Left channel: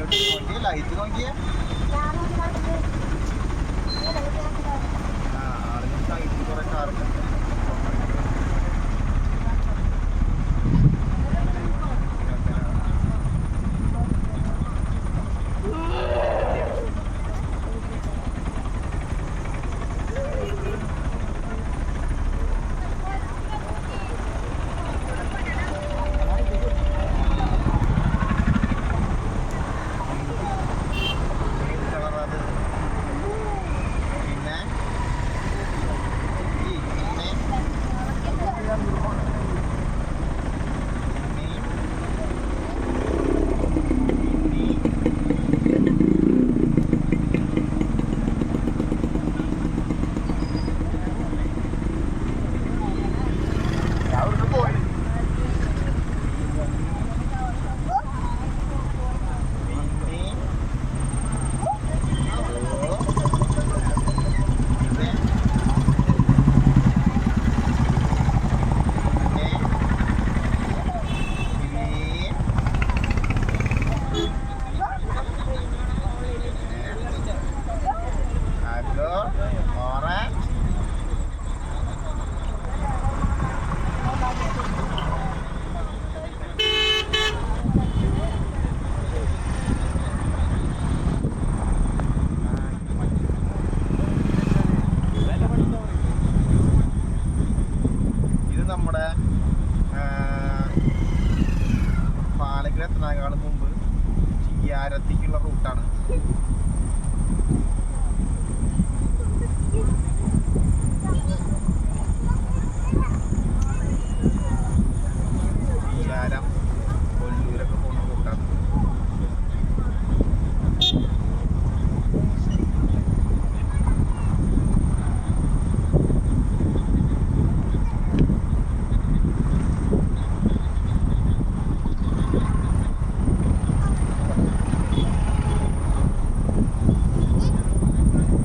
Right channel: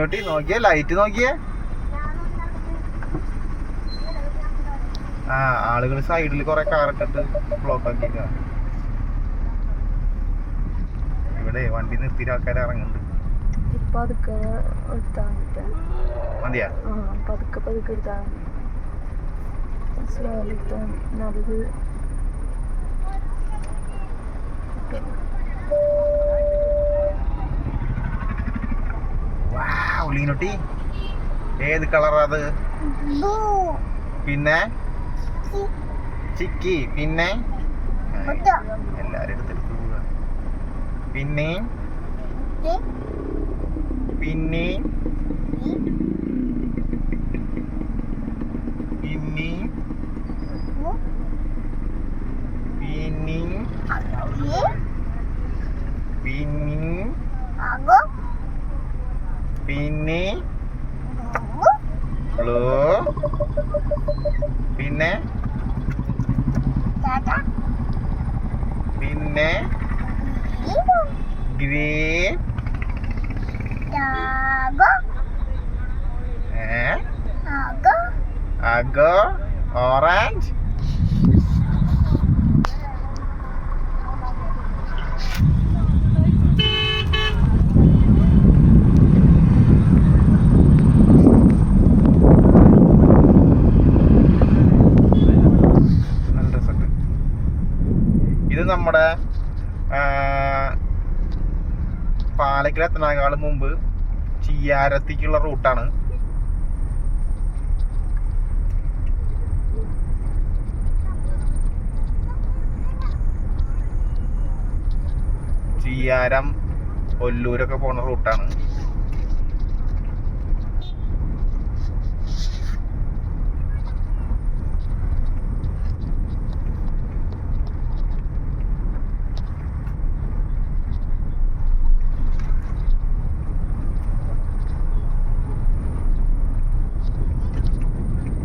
നീട്ടി നോക്കിയേ, ലൈറ്റ് നോക്കിയേ. ആ ആളുകൾ സൈഡിൽ കുറെ കാറൊക്കെ ബ്ലോക്ക് ആക്കിയിട്ടുണ്ട്. ഇവിടെ വണ്ടി നിർത്തിയിട്ട് ആൾക്കാർ ഇറങ്ങും. വണ്ടിയാ ഉള്ളിനൊട്ടി. ഏത് കളറാ അത്? പിന്നെ ചിക്കി, പിന്നെ പിന്നെ പിന്നെ പിന്നെ പിന്നെ പിന്നെ അഗോ ഓറഞ്ച്. ഇത് നമ്മുടെ പാലക്കൽ എത്തുന്നതിനേക്കാളും മുമ്പ് ചിയ്യാരത്തേക്കുള്ള റൂട്ടാണ്. ചിയ്യാരം കൊല്ലൂരൊക്കെ പോണ റൂട്ടാണ്.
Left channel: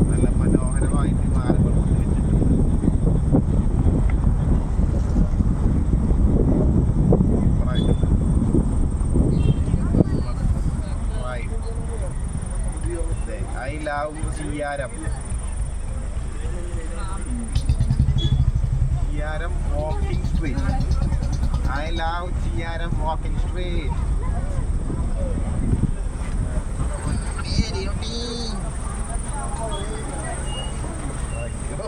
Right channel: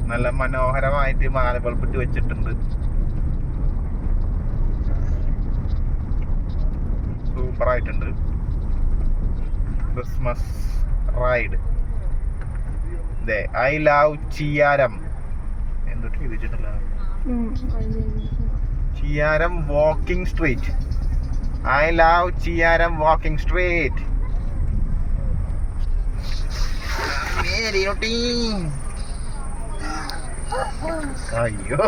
നല്ല മനോഹരമായിട്ട് മാലകൾപ്പിട്ട് വെച്ചിട്ടുണ്ട്. സൂപ്പറായിട്ടുണ്ട്. Christmas ride. I love Chiyyaram. എന്തൊക്കെ എഴുതിയിട്ടുണ്ട്? Chiyyaram walking street. I love Chiyyaram walking street. അയ്യോ.